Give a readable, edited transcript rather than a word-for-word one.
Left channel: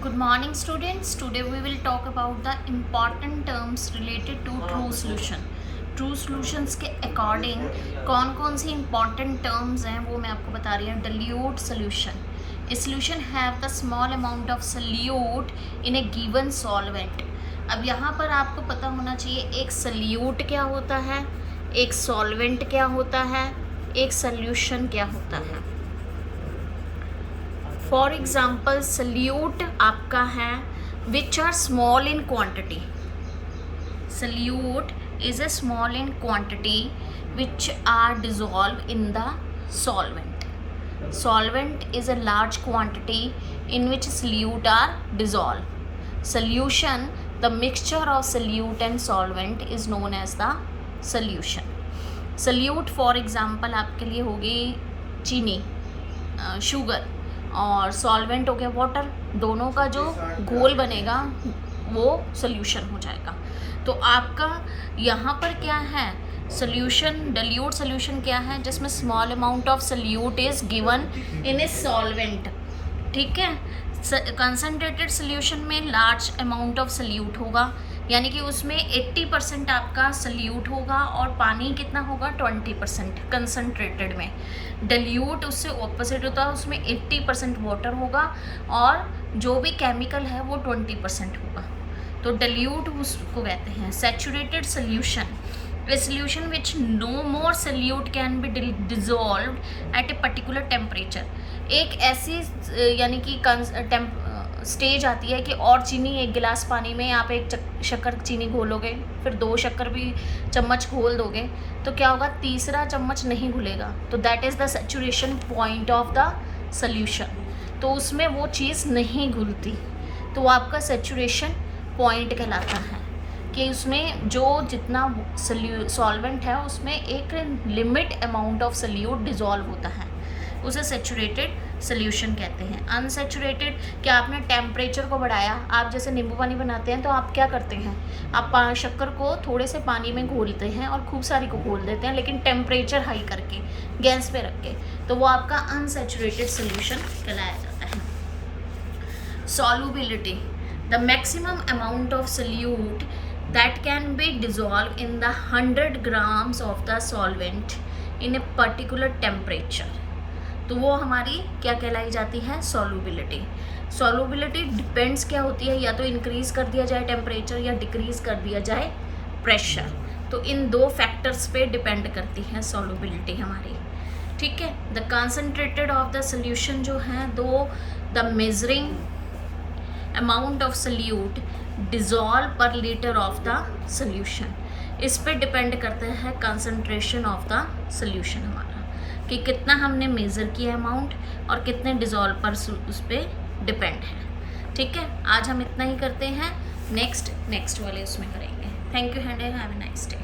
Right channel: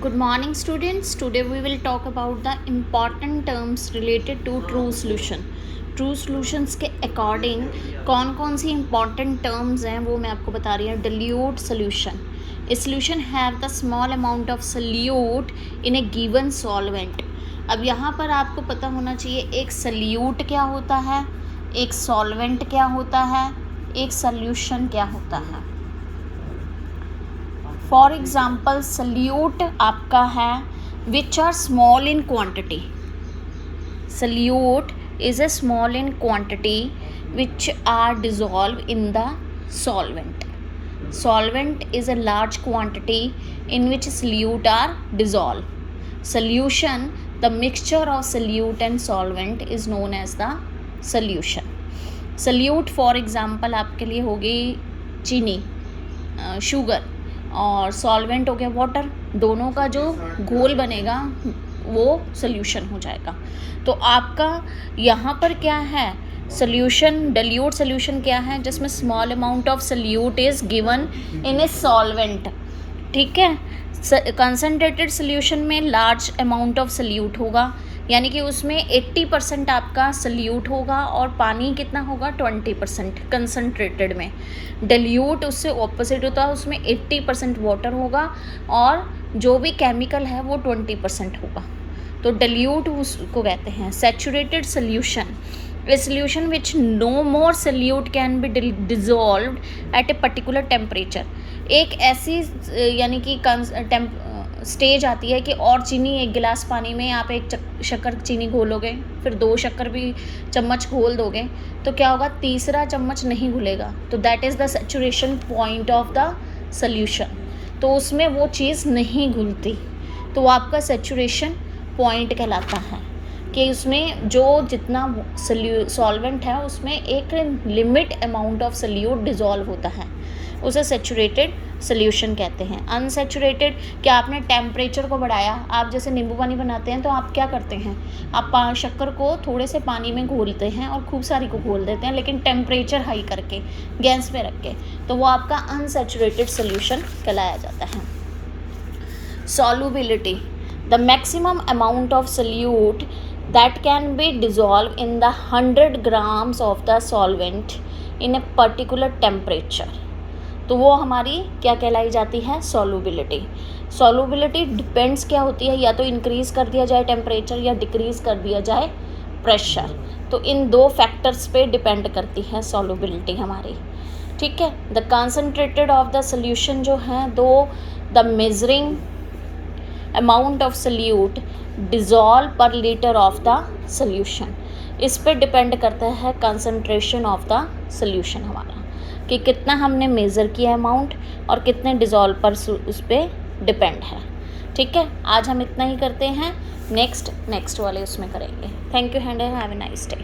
Good morning students. Today we will talk about the important terms related to true solution. True solutions के according कौन कौन सी important terms हैं वो मैं आपको बता रही हूँ. Dilute solution. A solution have the small amount of solute in a given solvent. अब यहाँ पर आपको पता होना चाहिए एक solute क्या होता है, एक solvent क्या होता है, एक solution क्या होता है. फॉर एग्ज़ाम्पल सल्यूट आपका है which are small in quantity. Solute is a small in quantity which are dissolve in the solvent. Solvent is a large quantity in which solute are dissolved. Solution, the mixture of solute and solvent is known as the solution. Solute for example आपके लिए होगी चीनी, sugar, और solvent हो गया water. दोनों का जो घोल बनेगा वो सॉल्यूशन हो जाएगा. तो आपका यहाँ पर क्या है सॉल्यूशन, डिल्यूट सॉल्यूशन क्या है जिसमें small amount of solute is given in a solvent. ठीक है. कंसनट्रेटेड सॉल्यूशन में लार्ज अमाउंट ऑफ सॉल्यूट होगा, यानी कि उसमें 80% आपका सॉल्यूट होगा और पानी कितना होगा 20% कंसनट्रेटेड में. डिल्यूट उससे ऑपोजिट होता है, उसमें 80% वाटर होगा और जो भी केमिकल है वो 20% होगा. तो डिल्यूट उसको कहते हैं. Saturated solution, a solution which no more solute can be dissolved at a particular temperature. एक ऐसी यानी कि स्टेज आती है कि और चीनी एक गिलास पानी में आप एक शक्कर चीनी घोलोगे, फिर 2 शक्कर भी चम्मच घोल दोगे तो क्या होगा, तीसरा चम्मच नहीं घुलेगा. तो that is the saturation point of the solution. तो उसमें वो चीज़ नहीं घुलती, तो वो आपका सैचुरेशन पॉइंट कहलाता है कि उसमें जो जितना सॉल्वेंट है उसमें एक limit amount of solute dissolve होता है, उसे सैचुरेटेड सोल्यूशन कहते हैं. अनसैचुरेटेड, क्या आपने टेम्परेचर को बढ़ाया, आप जैसे नींबू पानी बनाते हैं तो आप क्या करते हैं, आप शक्कर को थोड़े से पानी में घोलते हैं और खूब सारी को घोल देते हैं, लेकिन टेम्परेचर हाई करके गैस पे रख के, तो वो आपका अनसैचुरेटेड सोल्यूशन कहलाया जाता है. Solubility, the maximum amount of solute that can be dissolve in the 100 grams of the solvent in A particular temperature. तो वो हमारी क्या कहलाई जाती है, सॉल्युबिलिटी. सॉल्युबिलिटी डिपेंड्स क्या होती है, या तो इंक्रीज़ कर दिया जाए टेम्परेचर या डिक्रीज़ कर दिया जाए प्रेशर. तो इन 2 फैक्टर्स पे डिपेंड करती है सॉल्युबिलिटी हमारी. ठीक है. The concentrated of the solution जो है, दो the measuring amount of solute dissolve पर लीटर ऑफ द सोल्यूशन. इस पे डिपेंड करता है कंसनट्रेशन ऑफ द सोल्यूशन हमारा, कि कितना हमने मेज़र किया अमाउंट और कितने डिज़ोल्व पर उस पर डिपेंड है. ठीक है. आज हम इतना ही करते हैं, नेक्स्ट वाले उसमें करेंगे. Thank you and have a nice day.